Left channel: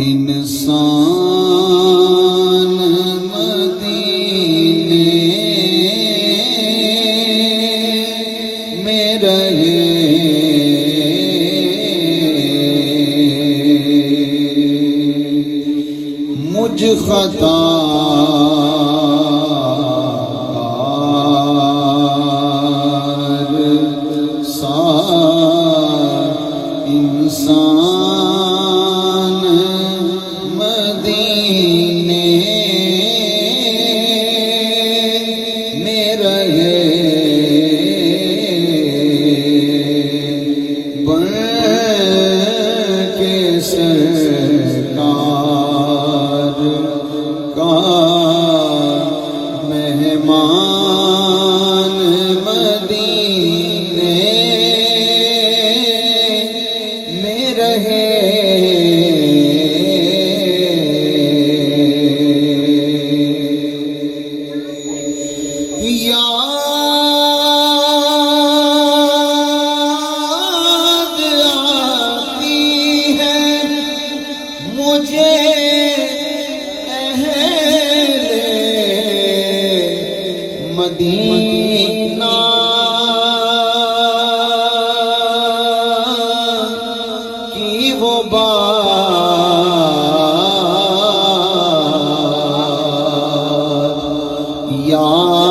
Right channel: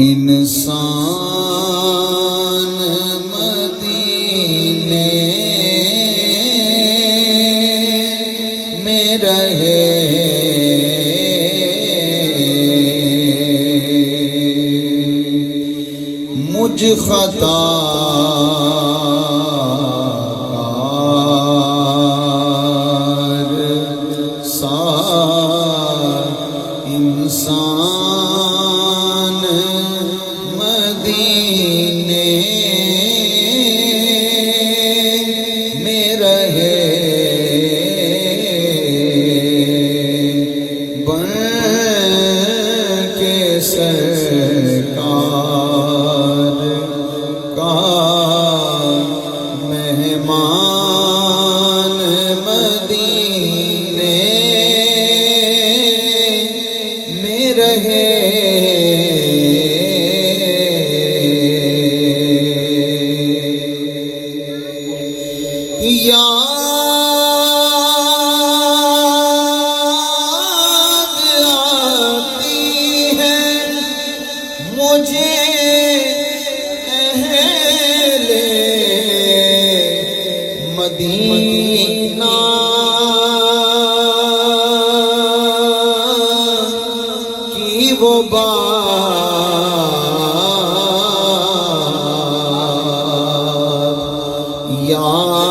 انسان مدینے میں رہے، مجھ خطا انسان مدینے میں رہے، بن کے سرکار کا مہمان مدینے میں رہے، یاد آتی ہے مجھے اہل مدینہ، کی وہ بات یاد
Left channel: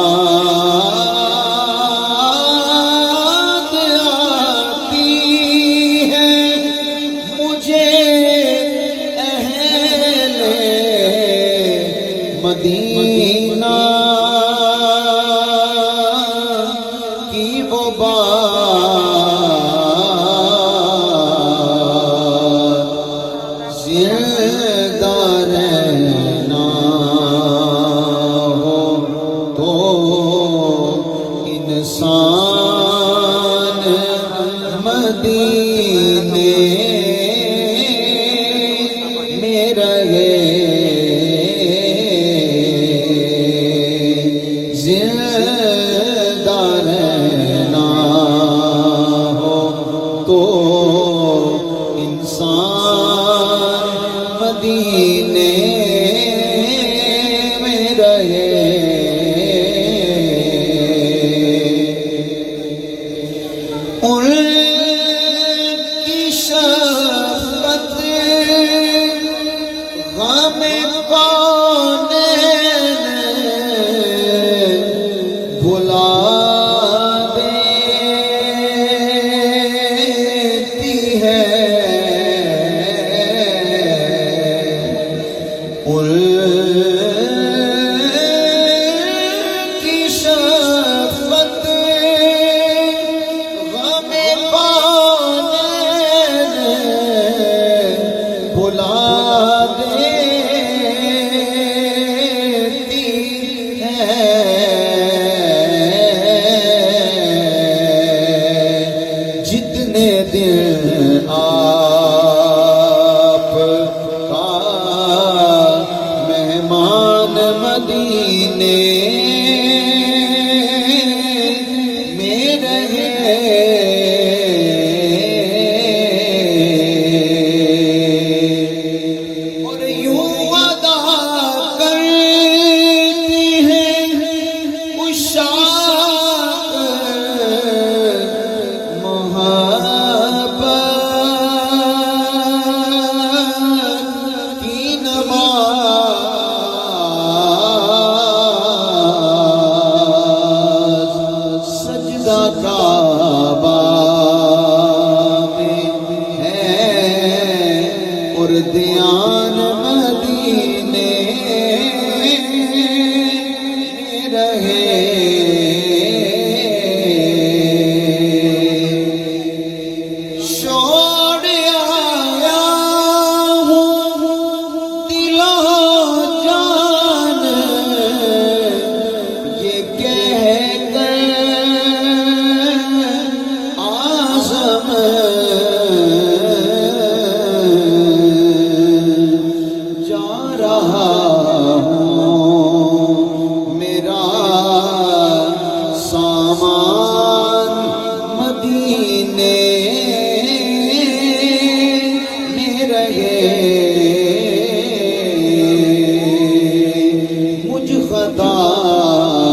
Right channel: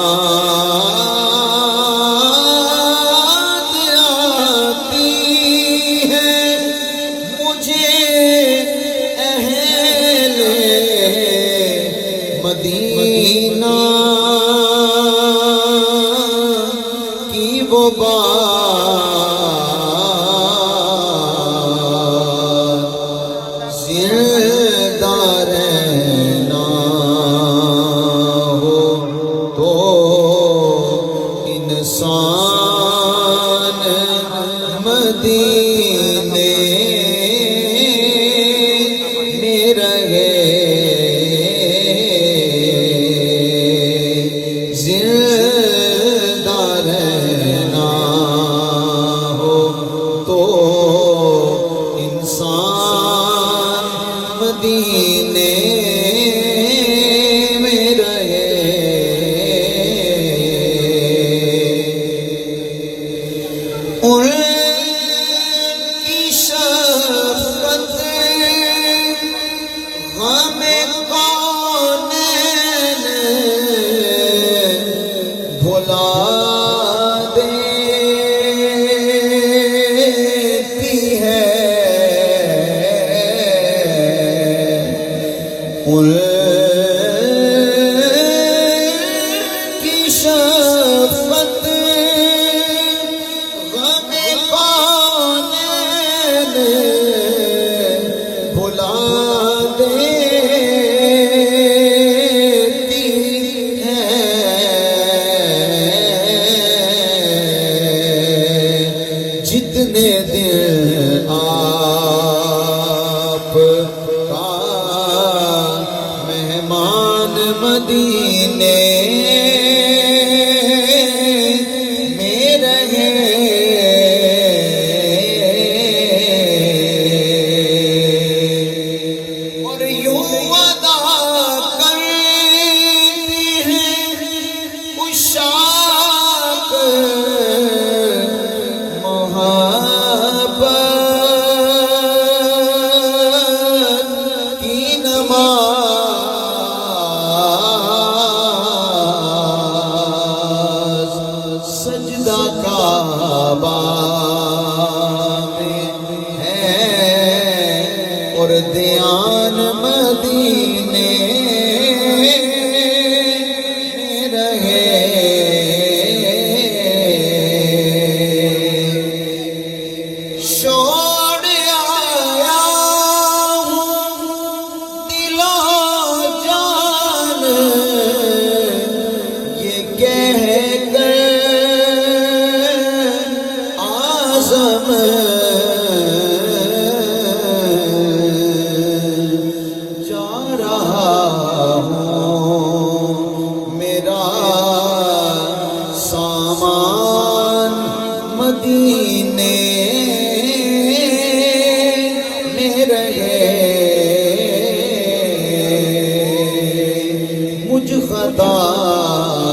آتی ہے مجھے اہل مدینہ کی وہ بات، زندہ رہنا ہو تو انسان مدینے میں رہے، زندہ رہنا ہو تو انسان مدینے میں رہے، ان کی شفقت غم کونین بھلا دیتی ہے، ان کی شفقت غم کونین بھلا دیتی ہے، جتنے دل آپ کا مہمان مدینے میں رہے، اور یوں ادا کرتی ہے عشاق محبت کی نماز، سجدہ کعبہ میں ہے اور دھیان مدینے میں رہے، چھوڑ آیا ہوں دل و جان یہ کہہ کر اعظم عطا